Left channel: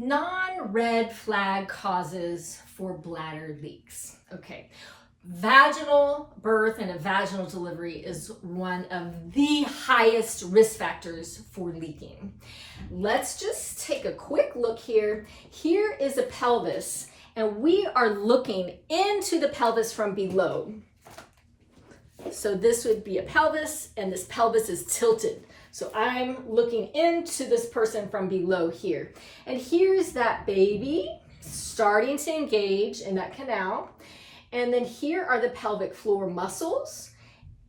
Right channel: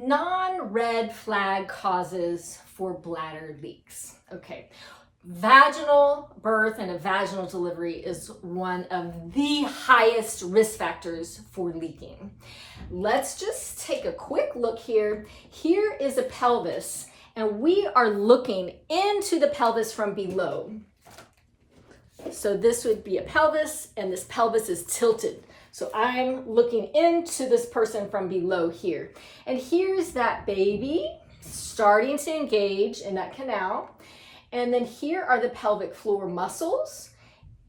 Non-red flag causes for bladder leaks. Okay, vaginal birth and a vaginal delivery is one of the highest risk factors for leaking. Let's just take a quick look here. Here is a pelvis, and we are looking into the pelvis from below. So this would be a pelvis, and this pelvis is tilted. So I'm looking into this person from below here. And here's that baby starting to engage in that canal. And then here are the pelvic floor muscles.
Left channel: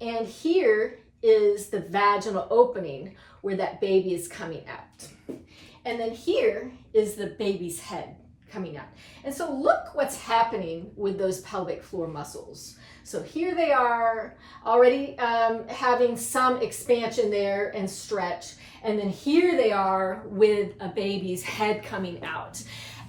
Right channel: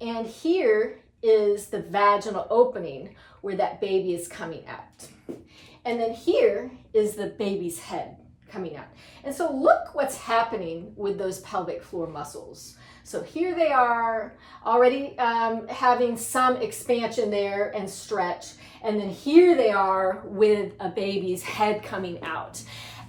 And here is the vaginal opening where that baby is coming out. And then here is the baby's head coming out. And so look what's happening with those pelvic floor muscles. So here they are already having some expansion there and stretch. And then here they are with a baby's head coming out.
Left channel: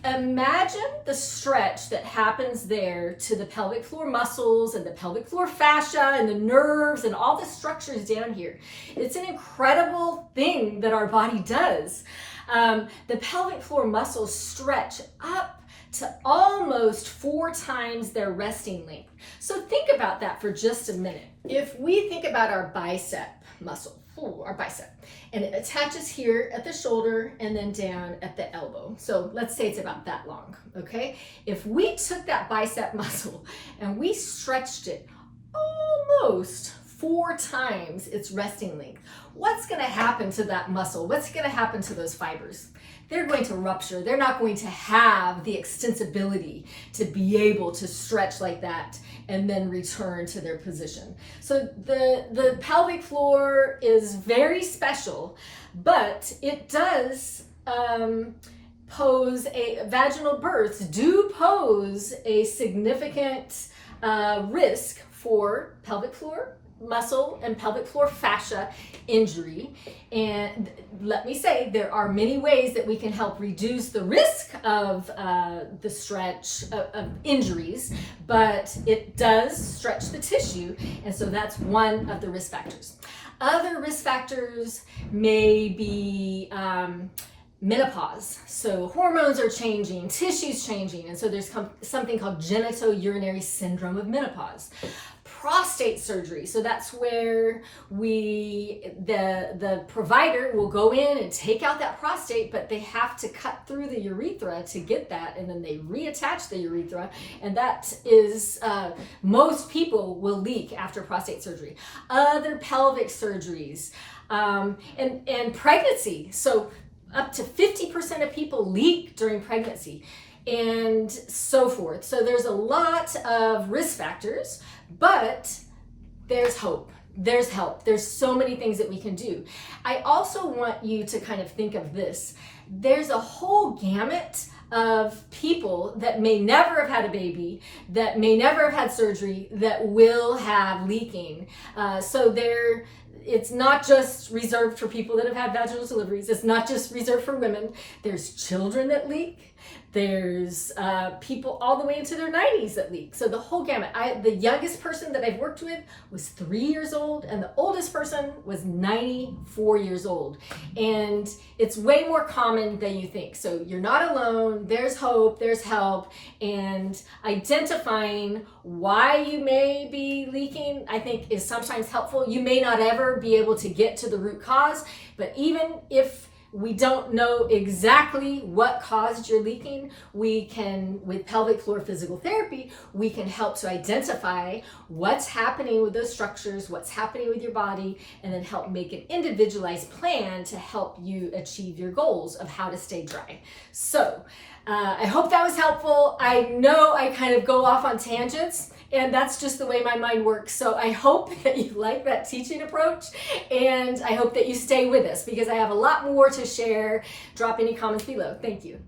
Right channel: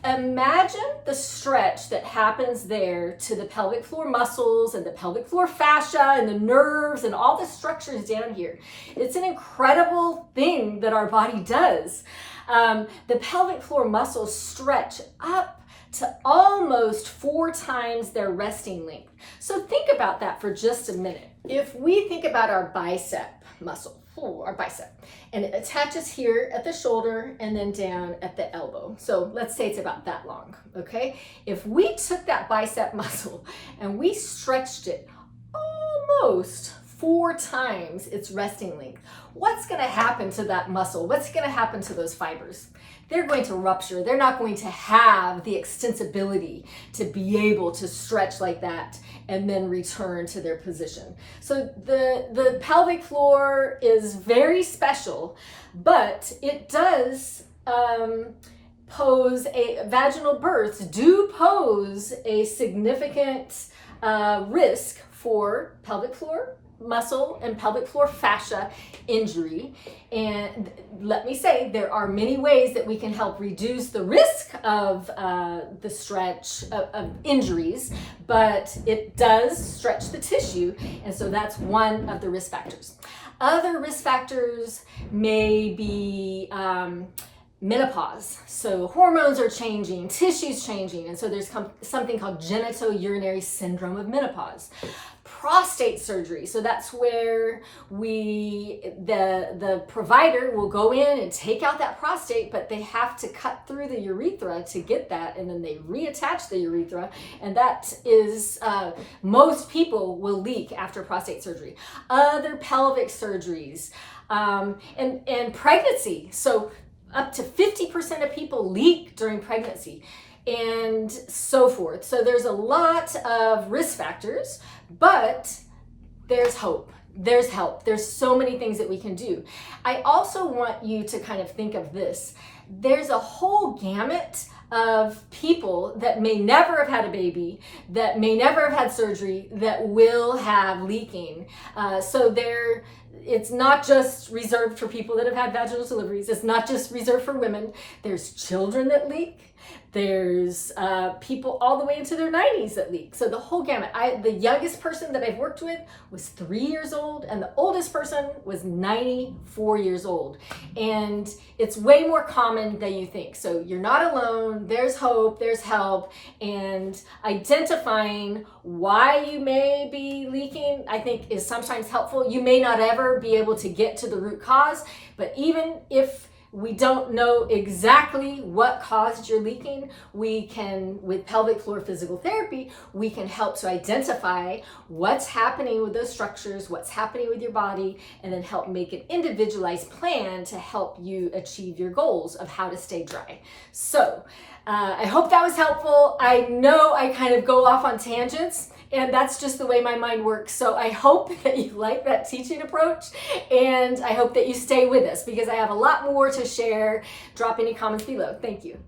Imagine the stretch that happens there to the pelvic floor muscles and the pelvic floor fascia and the nerves and all the structures down here. It's an incredible thing that our body does. The pelvic floor muscles stretch up to almost 4 times their resting length. So think about that for just a minute. If we think about our bicep muscle, our bicep, and it attaches here at the shoulder and then down at the elbow. So let's say it's about that long, okay? If we took that bicep muscle and we stretched it almost 4 times its resting length, what's gonna happen to that muscle? What's gonna happen to those fibers? They're going to rupture. They're not going to have the extensibility to be able to stretch like that and then return to their position. So the pelvic floor is very special, but it does pose vaginal births do pose a significant risk for pelvic floor muscle and pelvic floor fascia injury. And let me say, there are many ways that we can help reduce the risk of the stretch of injuries, but it does stretch the tissue, and so that's one of the risk factors. Other risk factors may be menopause. So hormones are changing, tissue's changing, and so there's something called genitourinary syndrome of menopause. Prostate surgery, so that's where the provider will go in and take out that prostate, but they have to cut through the urethra to get that, and then they reattach the urethra, and that is most people will leak after prostate surgery. Other pelvic surgeries, and pregnancy, so up to 50% of people leak during pregnancy, and so forth. So there's a lot of risk factors, but there's hope, there's help, there's so many things that we can do. I also want you to kind of think of this. There's a whole gamut of people that may never have had a baby, that may never have had surgery, that will have leaking. It's not just reserved for people that have had vaginal deliveries. It's not just reserved for women. There's children that leak. There's people all the way into their 90s that leak. So the whole gamut. The youngest person that I've worked with was 3 years old, and the oldest person was 94 years old. And it's way more common than you think. So you're not alone. There's hope, there's help, and identifying why you may be leaking, I think, is sometimes helpful. You may not ever be able to get to the root cause, but even if we don't know exactly what caused your leaking, we can, with pelvic floor physical therapy, we can help to identify what's happening with those structures, what's happening with your body, and then help make an individualized plan to help you achieve your goals of how to stay dry. So I hope that was helpful. I know I kind of go off on tangents, and that's just the way my mind works. So I hope that you like that teaching approach, and I hope that you stay with us because I have a lot more to share. Drop any comments below. Thank you.